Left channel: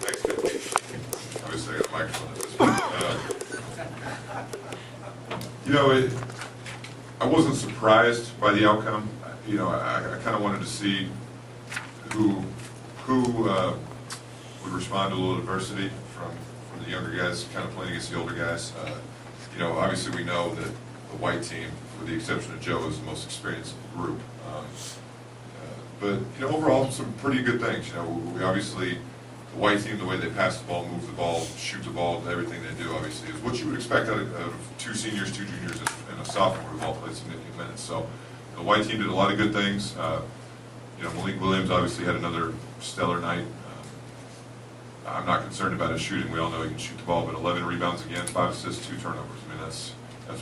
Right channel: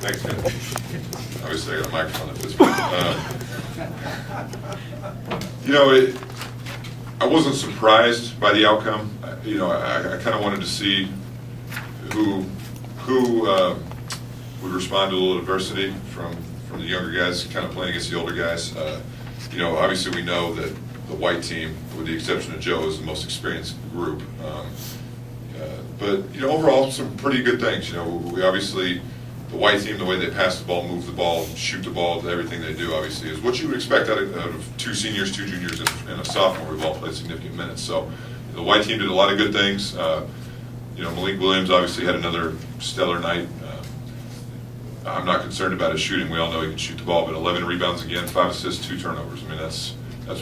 Thanks, man. Obviously, I got a microphone at this point. You know, I wasn't surprised by the outcome. You know, I kind of wanted to see who would respond to a little adversity from the younger guys, kind of playing against the older guys. You know, obviously we know that the white team, with the exception of Joe, is the most experienced group. But you know, overall, some pretty good things. You know, we obviously, the white team, the way they pass the ball, move the ball, shoot the ball, everything they do, obviously, is what you would expect out of two seniors, two juniors, and a sophomore who've all played significant minutes. So the white team did a lot of good things. You know, Malik Williams obviously had another stellar night. I'm not concerned about his shooting. We all know he can shoot the ball, but 11 rebounds again, 5 assists, 2 turnovers. I mean, that's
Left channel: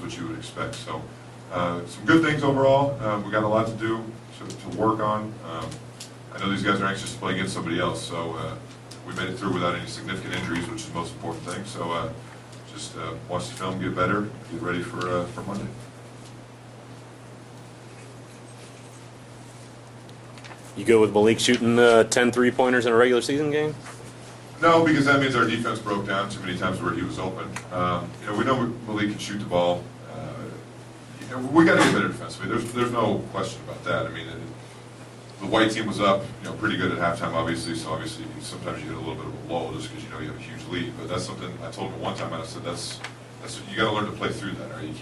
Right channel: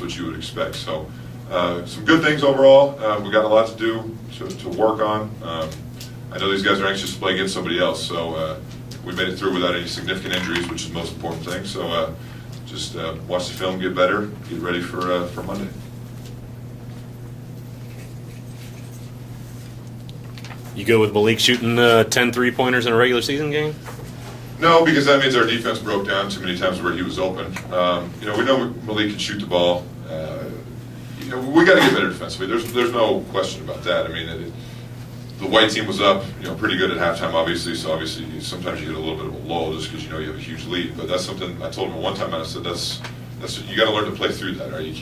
what you would expect. So some good things overall. We got a lot to do to work on. I know these guys are anxious to play against somebody else, so we made it through without any significant injuries, which is the most important thing. So just watch the film, get better, get ready for Monday. You go with Malik shooting 10 3-pointers in a regular season game? No, because that means our defense broke down too many times where he was open. You know, we know Malik can shoot the ball. You know, we got to get better defensively. There's no question about that. I mean, the white team was up, you know, pretty good at halftime, obviously. So obviously, sometimes you get a little bit of a lull just because you know you have a huge lead. But that's something I told him one time, and I said that's you got to learn to play through that. Right? You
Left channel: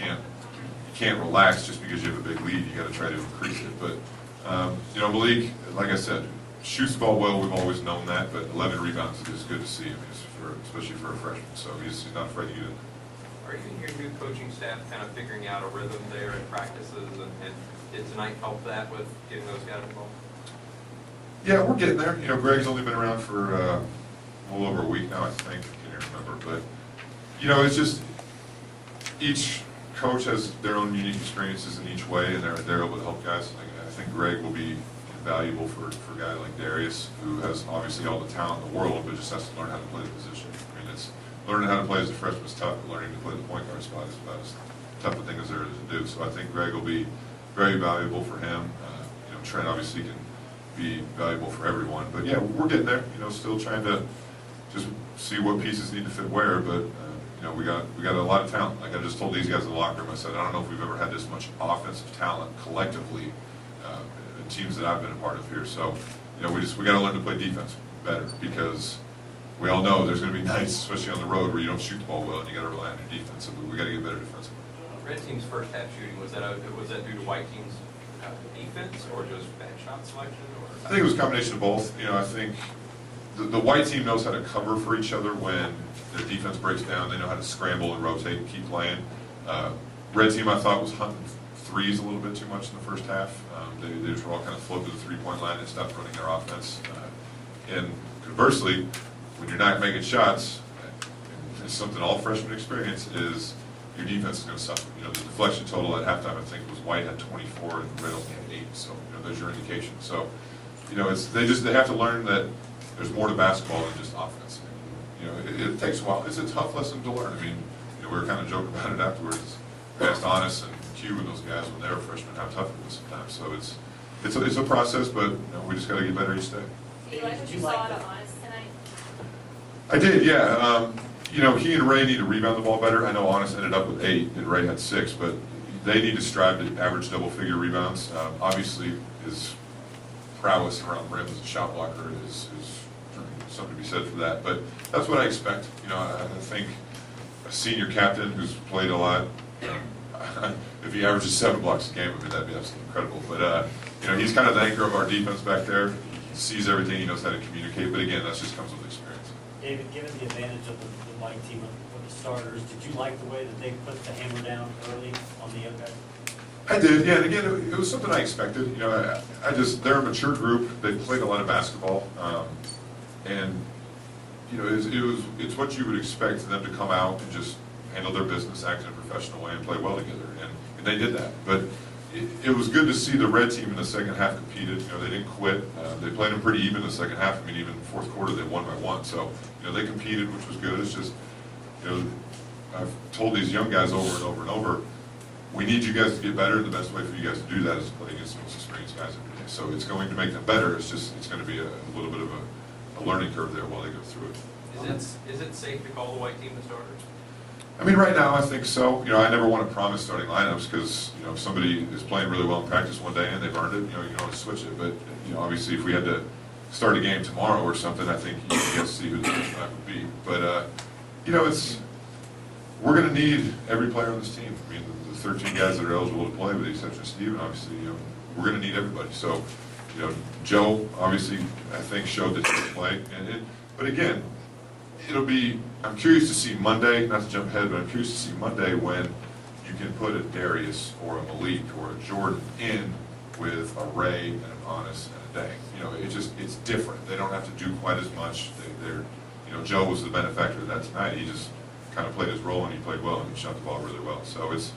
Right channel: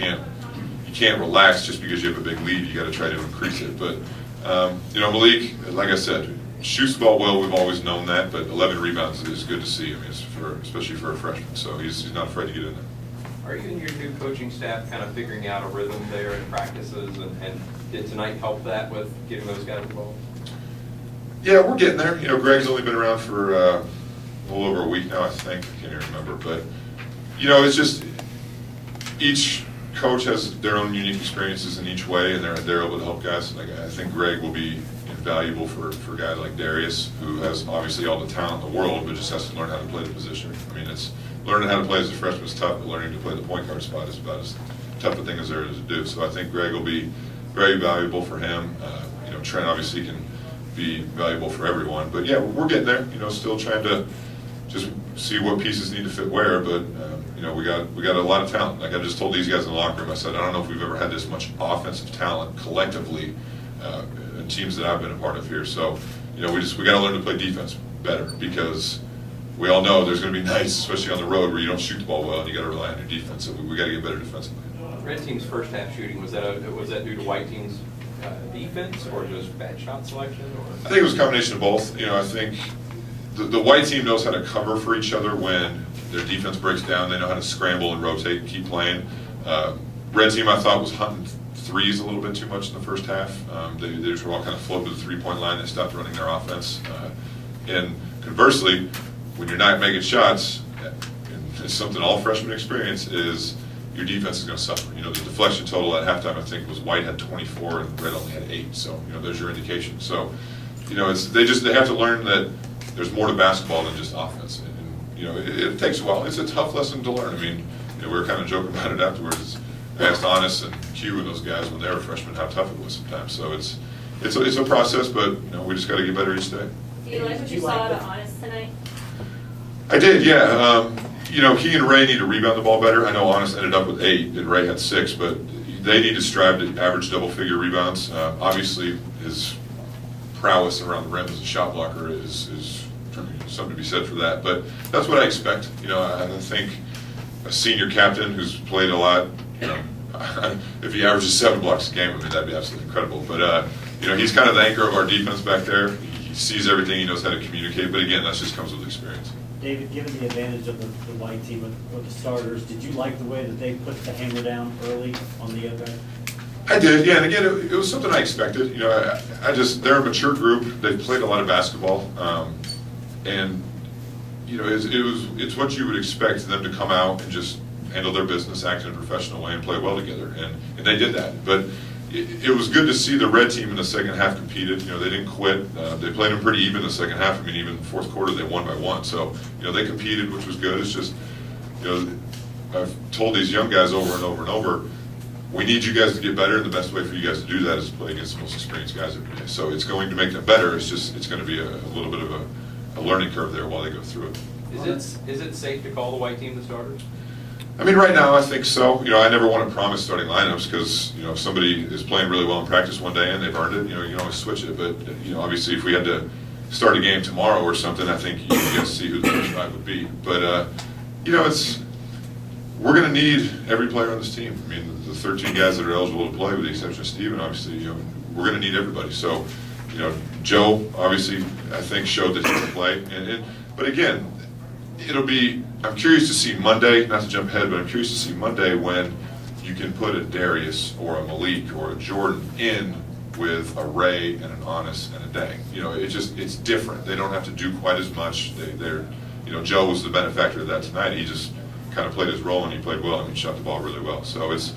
can't relax just because you have a big lead. You got to try to increase it. But you know, Malik, like I said, shoots the ball well. We've always known that. But 11 rebounds is good to see. I mean, especially for a freshman. So he's not afraid to get in there. Are you and your new coaching staff kind of figuring out a rhythm there in practices, and did tonight help that with getting those guys involved? Yeah, we're getting there. You know, Greg's only been around for a little over a week now, I think. I can't even remember. But, you know, it's just each coach has their own unique experiences in each way, and they're able to help guys. Like, I think Greg will be invaluable for a guy like Darius, who has obviously all the talent in the world, but just has to learn how to play the position. I mean, it's learning how to play as a freshman is tough, but learning to play the point guard spot is about as tough a thing as there is to do. So I think Greg will be very valuable for him. You know, Trent obviously can be valuable for everyone. But yeah, we're getting there. You know, still trying to just see what pieces need to fit where. But you know, we got a lot of talent. Like I just told these guys in the locker room, I said, I don't know if we've ever had this much offensive talent collectively in teams that I've been a part of here. So you know, we got to learn to play defense better, because we all know there's going to be nights, especially on the road, where you don't shoot the ball well and you got to rely on your defense. So we got to get better defensively. Red team's first half shooting, was that due to white team's defense, or just bad shot selection? Or I think it was a combination of both. You know, I think the white team knows how to cover for each other when their defense breaks down. They know how to scramble and rotate and keep playing. Red team, I thought, was hunting threes a little bit too much in the first half. They just were all kind of floated to the three-point line. They stopped running their offense. And conversely, when you're not making shots, and it's something all freshmen experience, is your defense is going to suffer. You know, the deflection total at halftime, I think, was White had 24 and Red only had 8. So, you know, there's your indication. So, you know, they have to learn that there's more to basketball than just offense. And, you know, it takes a while. It's a tough lesson to learn. I mean, you know, we were kind of joking about it afterwards. I asked Honest and Q and those guys when they were freshmen how tough it was sometimes. So it's a process, but you know, we just got to get better each day. Do you like what you saw out of Honest tonight? I did, yeah. You know, he and Ray need to rebound the ball better. I know Honest ended up with 8 and Ray had 6, but they need to strive to average double-figure rebounds. Obviously, his prowess around the rim as a shot blocker is something to be said for that. But that's what I expect. You know, I think a senior captain who's played a lot, you know, if he averages 7 blocks a game, I mean, that'd be absolutely incredible. But you know, he's kind of the anchor of our defense back there. He sees everything. He knows how to communicate. But again, that just comes with experience. David, given the advantage of the white team with the starters, did you like the way that they put the hammer down early on the other guy? I did, yeah. And again, it was something I expected. You know, they're a mature group. They've played a lot of basketball, and you know, it's what you would expect them to come out and just handle their business, act in a professional way, and play well together. And they did that. But it was good to see the red team in the second half competed. You know, they didn't quit. They played them pretty even in the second half. I mean, even in the fourth quarter, they won by 1. So, you know, they competed, which was good. It's just, you know, I've told these young guys over and over and over, we need you guys to get better, and the best way for you guys to do that is to play against the most experienced guys every day. So it's going to make them better. It's going to be a little bit of learning curve there while they go through it. Is it safe to call the white team the starters? I mean, right now, I think so. I never want to promise starting lineups because, if somebody is playing really well in practice one day and they've earned it, you can always switch it. But, obviously, if we had to start a game tomorrow or something, I think you can guess see who the first five would be. But, we're going to need every player on this team. I mean, the 13 guys that are eligible to play, with the exception of Steven, obviously, we're going to need everybody. So, Joe, obviously, I think showed that he can play. But again, I'm curious to see Monday, not to jump ahead, but I'm curious to see Monday when you can put a Darius or a Malik or a Jordan in with a Ray and an Honest and a Day. It's different. They don't have to do quite as much. Joe was the benefactor of that tonight. He just kind of played his role and he played well and he shot the ball really well. So it's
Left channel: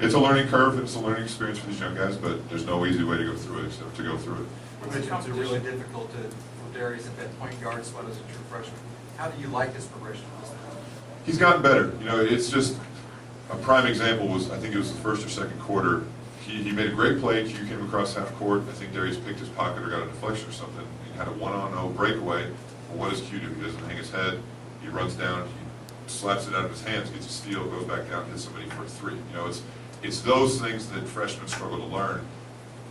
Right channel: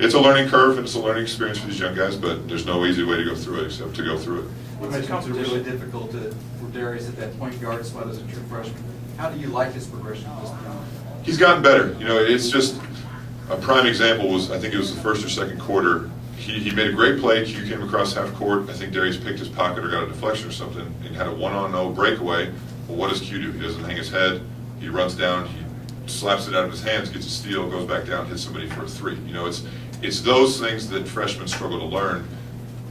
a learning curve and it's a learning experience for these young guys, but there's no easy way to go through it except to go through it. You mentioned it's really difficult for Darius at that point guard spot as a true freshman. How do you like his progression at this point? He's gotten better. It's just a prime example was, I think it was the first or second quarter, he made a great play. Q came across half court. I think Darius picked his pocket or got a deflection or something and had a 1-on-0 breakaway. Well, what does Q do? He doesn't hang his head. He runs down, he slaps it out of his hands, gets a steal, goes back down, hits somebody for a three. It's those things that freshmen struggle to learn.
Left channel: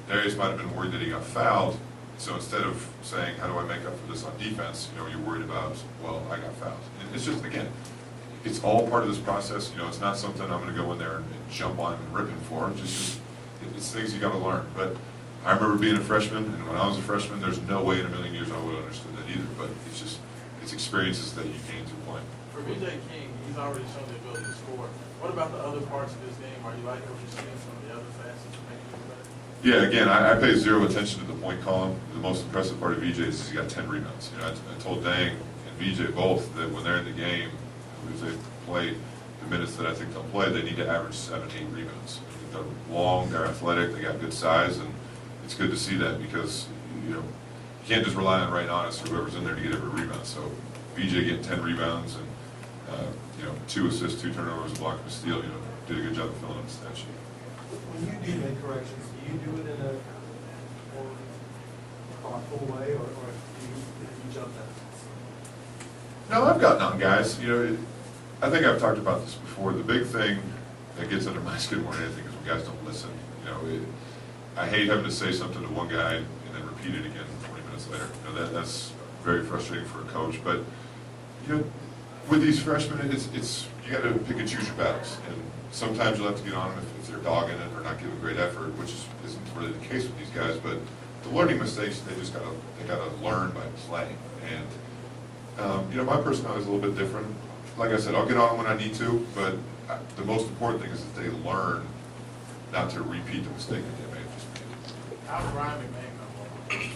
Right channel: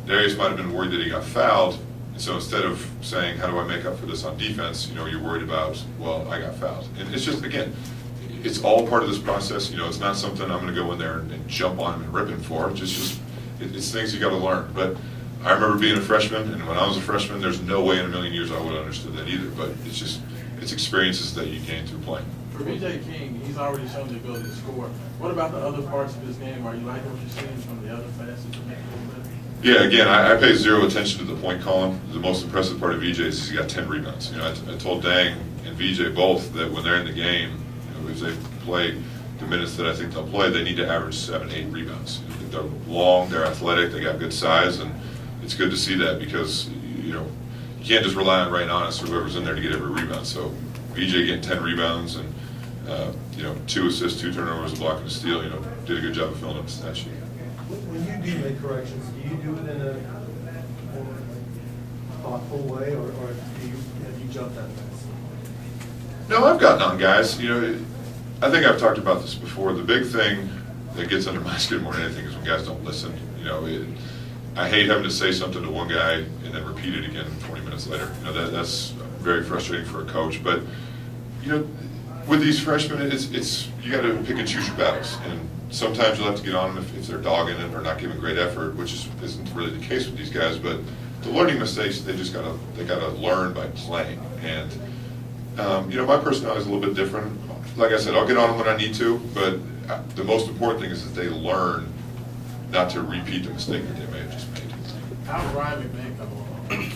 Darius might have been worried that he got fouled. So instead of saying, how do I make up for this on defense, you're worried about, well, I got fouled. And it's just, again, it's all part of this process. It's not something I'm going to go in there and jump on him and rip him for. It's things you got to learn. But I remember being a freshman, and when I was a freshman, there's no way in a million years I would have understood that either. But it's experiences that you gain through playing. For BJ King, he's already shown the ability to score. What about the other parts of his game? Are you liking what you're seeing from the other facets to make it a little better? Yeah, again, I pay zero attention to the point column. The most impressive part of VJ is he got 10 rebounds. I told Dang and VJ both that when they're in the game, as they play the minutes that I think they'll play, they need to average 7, 8 rebounds. They're long, they're athletic, they got good size, and it's good to see that because you can't just rely on Ray Honest or whoever's in there to get every rebound. So VJ getting 10 rebounds and 2 assists, 2 turnovers, a block and a steal, did a good job of filling up the stat sheet. When you do make corrections, do you do it in a more thoughtful way, or have you jumped that fast? No, I've gotten on guys. I think I've talked about this before. The big thing that gets under my skin more than anything is when guys don't listen. I hate having to say something to one guy and then repeat it again 20 minutes later. That's very frustrating for a coach. But with these freshmen, it's you got to pick and choose your battles. And sometimes you'll have to get on them if they're dogging it or not giving great effort, which isn't really the case with these guys. But the learning mistakes, they gotta learn by playing. And my personality is a little bit different. Like I said, I'll get on them when I need to, but the most important thing is that they learn not to repeat the mistake that they may have just made. How's Ryan McMahon coming along?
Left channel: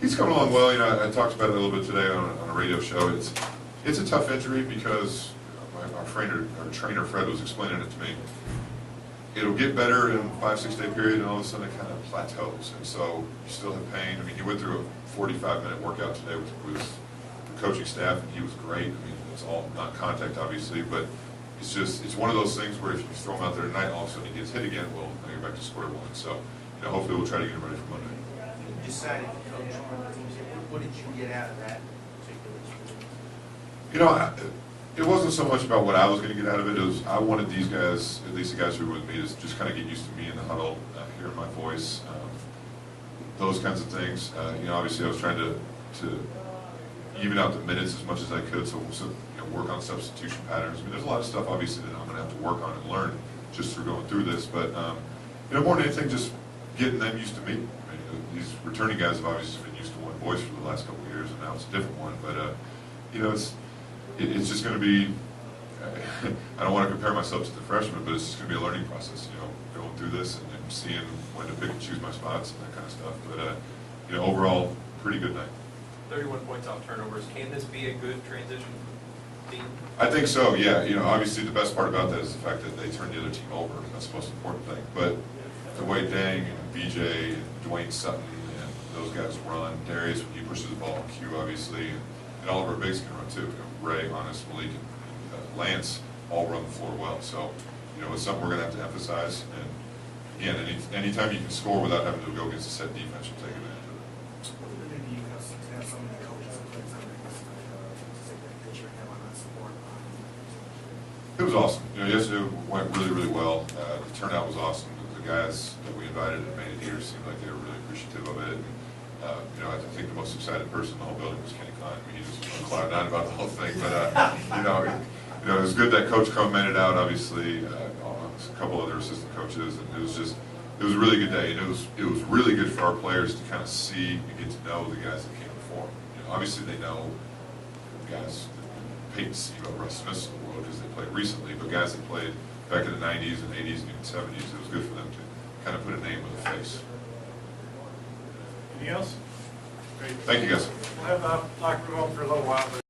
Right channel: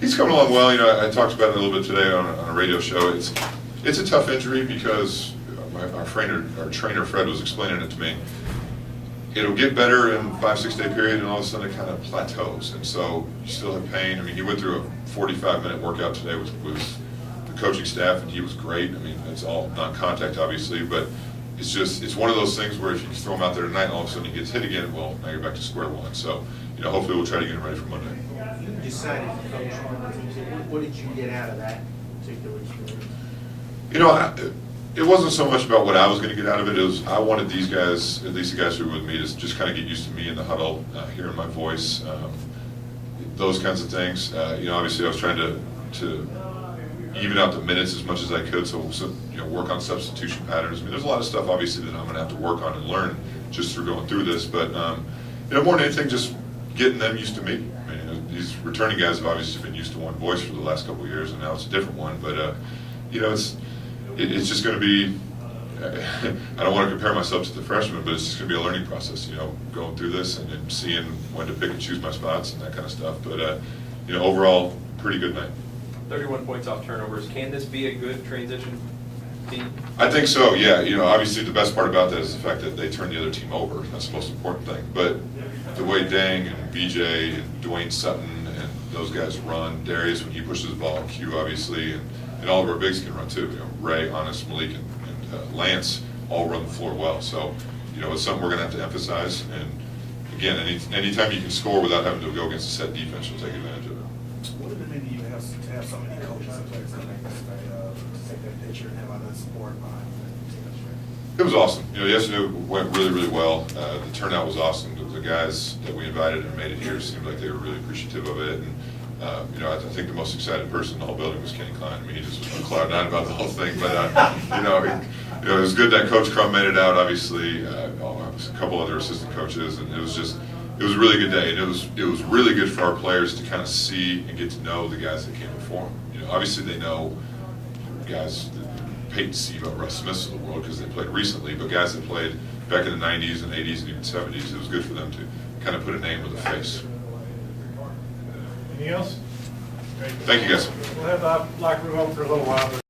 He's coming along well. I talked about it a little bit today on a radio show. It's a tough injury because our trainer Fred was explaining it to me. It'll get better in a 5-6 day period, and all of a sudden it kind of plateaus. And so you still have pain. I mean, he went through a 45-minute workout today with the coaching staff, and he was great. I mean, it's all non-contact, obviously, but it's one of those things where if you throw him out there tonight and all of a sudden he gets hit again, well, now you're back to square one. So, hopefully we'll try to get him ready for Monday. You decided to coach one of the teams. What did you get out of that particular experience? It wasn't so much about what I was going to get out of it. It was I wanted these guys, at least the guys who were with me, to just kind of get used to me in the huddle, hearing my voice, those kinds of things. Obviously I was trying to even out the minutes as much as I could, so work on substitution patterns. I mean, there's a lot of stuff obviously that I'm going to have to work on and learn just through going through this. But more than anything, just getting them used to me. I mean, these returning guys have obviously been used to one voice for the last couple of years, and now it's a different one. But it's just going to be. I don't want to compare myself to the freshmen, but it's just going to be a learning process. Going through this and then seeing when to pick and choose my spots and that kind of stuff. But overall, pretty good night. 31 points off turnovers. Can this be a good transition team? I think so, yeah. Obviously the best part about that is the fact that they turn the other team over. That's the most important thing. But the way Dang and BJ and Dwayne Sutton and those guys run, Darius when he pushes the ball, Q obviously, and all of our bigs can run too. Ray, Honest, Malik, and Lance all run the floor well. So, it's something we're going to have to emphasize. And again, anytime you can score without having to go against a set defense, you'll take advantage of it. What did it mean to you to have so many coaches and players come in? of support behind it. It was awesome. You know, yesterday went really, really well. The turnout was awesome. The guys that we invited and made it here seemed like they were really appreciative of it. And, you know, I think the most excited person in the whole building was Kenny Klein. I mean, he just was on cloud nine about the whole thing. But, you know, it was good that Coach Crum made it out, obviously. A couple other assistant coaches. And it was a really good day. And it was really good for our players to kind of see and get to know the guys that came before them. You know, obviously they know guys, Peyton Sebo, Russ Smiths of the world because they played recently, but guys that played back in the 90s and 80s and even 70s, it was good for them to kind of put a name with a face. Anything else? Great. Thank you, guys. We'll have the locker room open for a little while, but